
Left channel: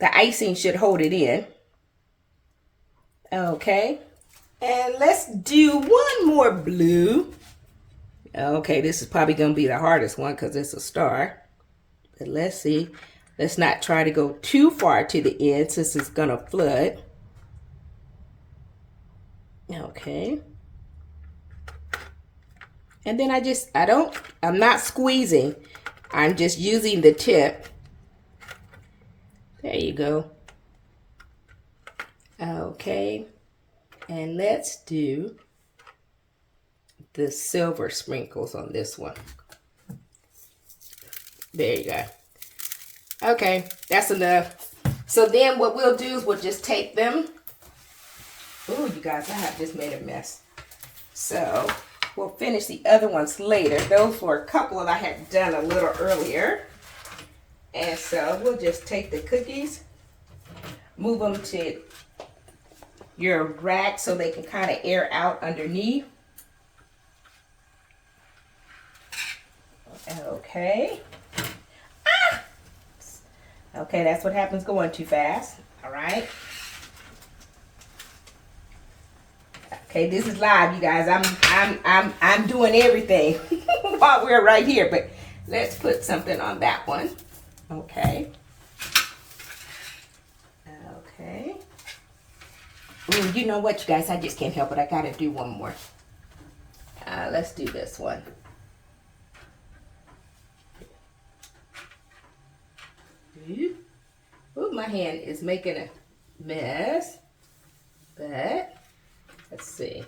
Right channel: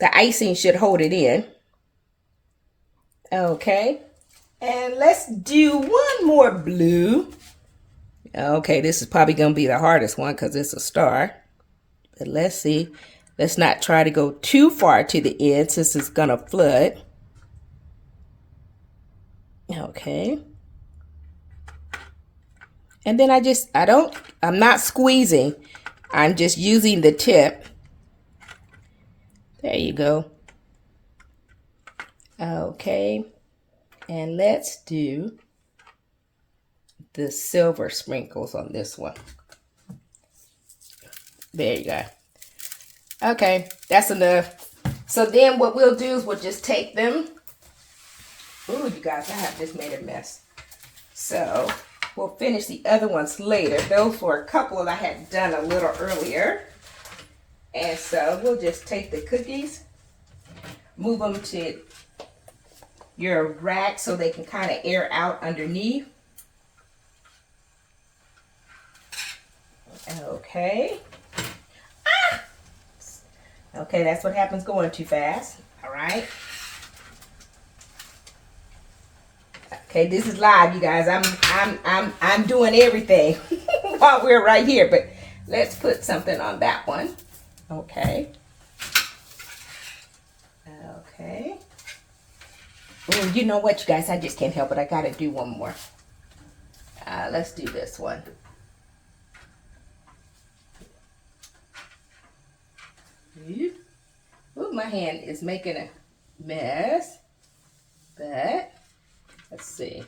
the icing should hold it in. Okay. And let's do one more blue. Okay, this is probably going to be the hardest one because it's a star. But let's see. Let's not try to go too far to the end since it's going to flood. Okay. And then I'm not squeezing. I'm just using the tip. There you go. Okay. And let's do the silver sprinkles on this one. There you go. Okay, that's enough. So then what we'll do is we'll just take them. Ooh, you guys, I have just made a mess. So we'll finish the other ones later. Those were a couple that I had done a little earlier. And so we'll just take the cookies, move them to your rack so they can kind of air out underneath. Okay. Ah! Okay, that's what happens going too fast. All right. Okay, this is live, you guys. I'm doing everything while we're right here, but let's put something on that one. Okay. Okay. Ooh, you know what, you guys? I just can't help it. I gotta do one more. Let's do this one. Ooh, my hand is making a mess, but let's see.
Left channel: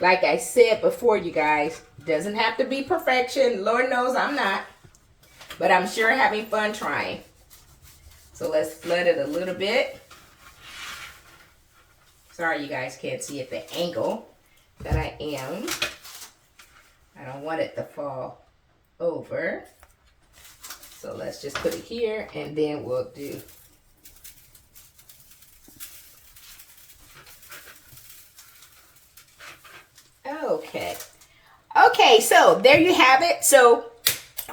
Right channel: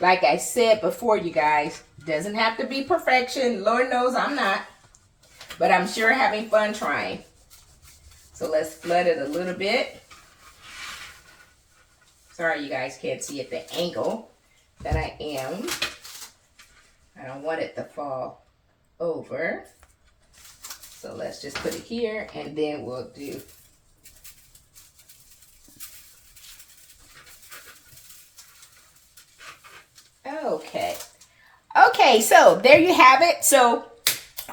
Like I said before, you guys, doesn't have to be perfection. Lord knows I'm not, but I'm sure having fun trying. So let's flood it a little bit. Sorry, you guys can't see at the angle that I am. I don't want it to fall over. So let's just put it here, and then we'll do. Okay. Okay, so there you have it. So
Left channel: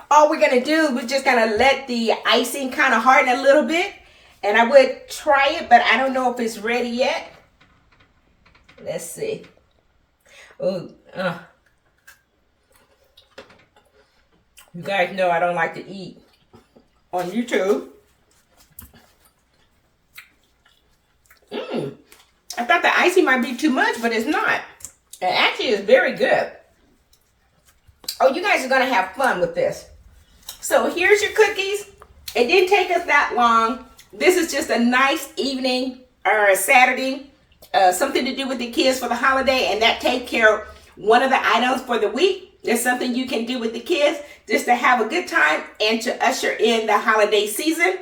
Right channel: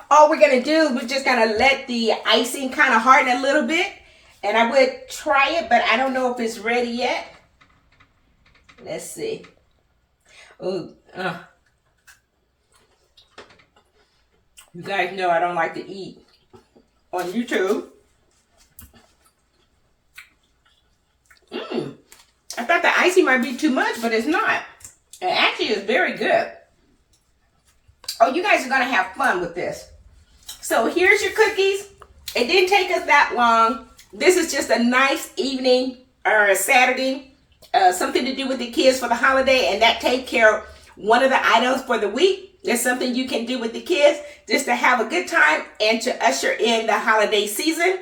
all we're gonna do, we're just gonna let the icing kind of harden a little bit. And I would try it, but I don't know if it's ready yet. Let's see. Oh, you guys know I don't like to eat on YouTube. I thought the icing might be too much, but it's not. It actually is very good. Oh, you guys are going to have fun with this. So here's your cookies. It didn't take us that long. This is just a nice evening or a Saturday, something to do with the kids for the holiday, and that take care of one of the items for the week. There's something you can do with the kids just to have a good time and to usher in the holiday season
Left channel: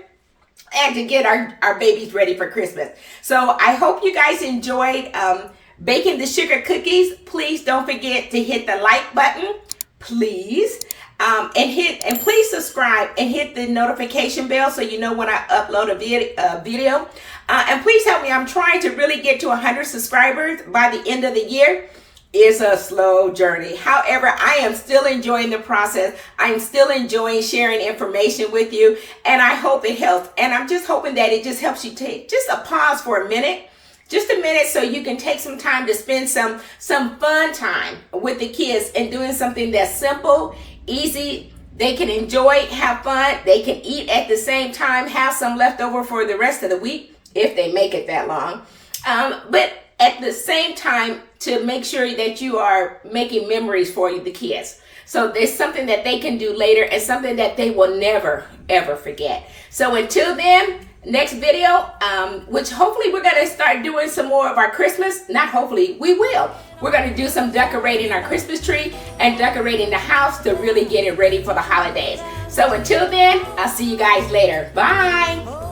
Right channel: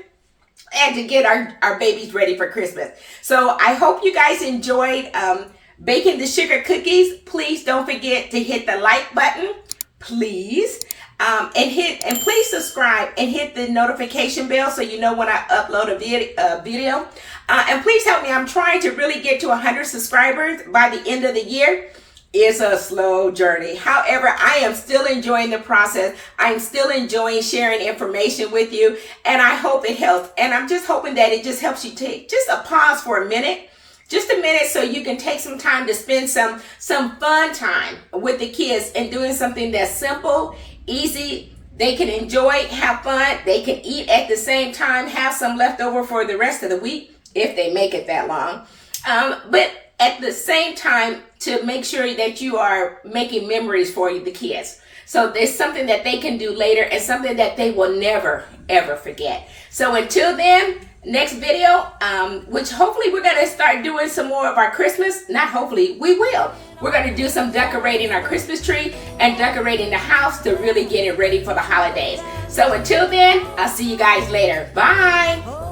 and to get our babies ready for Christmas. So I hope you guys enjoyed baking the sugar cookies. Please don't forget to hit the like button, please. And please subscribe and hit the notification bell so you know when I upload a video. And please help me. I'm trying to really get to 100 subscribers by the end of the year. It's a slow journey. However, I am still enjoying the process. I'm still enjoying sharing information with you, and I hope it helps. And I'm just hoping that it just helps you take just a pause for a minute. Just a minute so you can take some time to spend some fun time with the kids and doing something that's simple, easy. They can enjoy, have fun. They can eat at the same time, have some left over for the rest of the week if they make it that long. But at the same time, to make sure that you are making memories for the kids. So there's something that they can do later and something that they will never, ever forget. So until then, next video, which hopefully we're going to start doing some more of our Christmas. Not hopefully, we will. We're going to do some decorating our Christmas tree and decorating the house to really get it ready for the holidays. So until then, I'll see you guys later. Bye.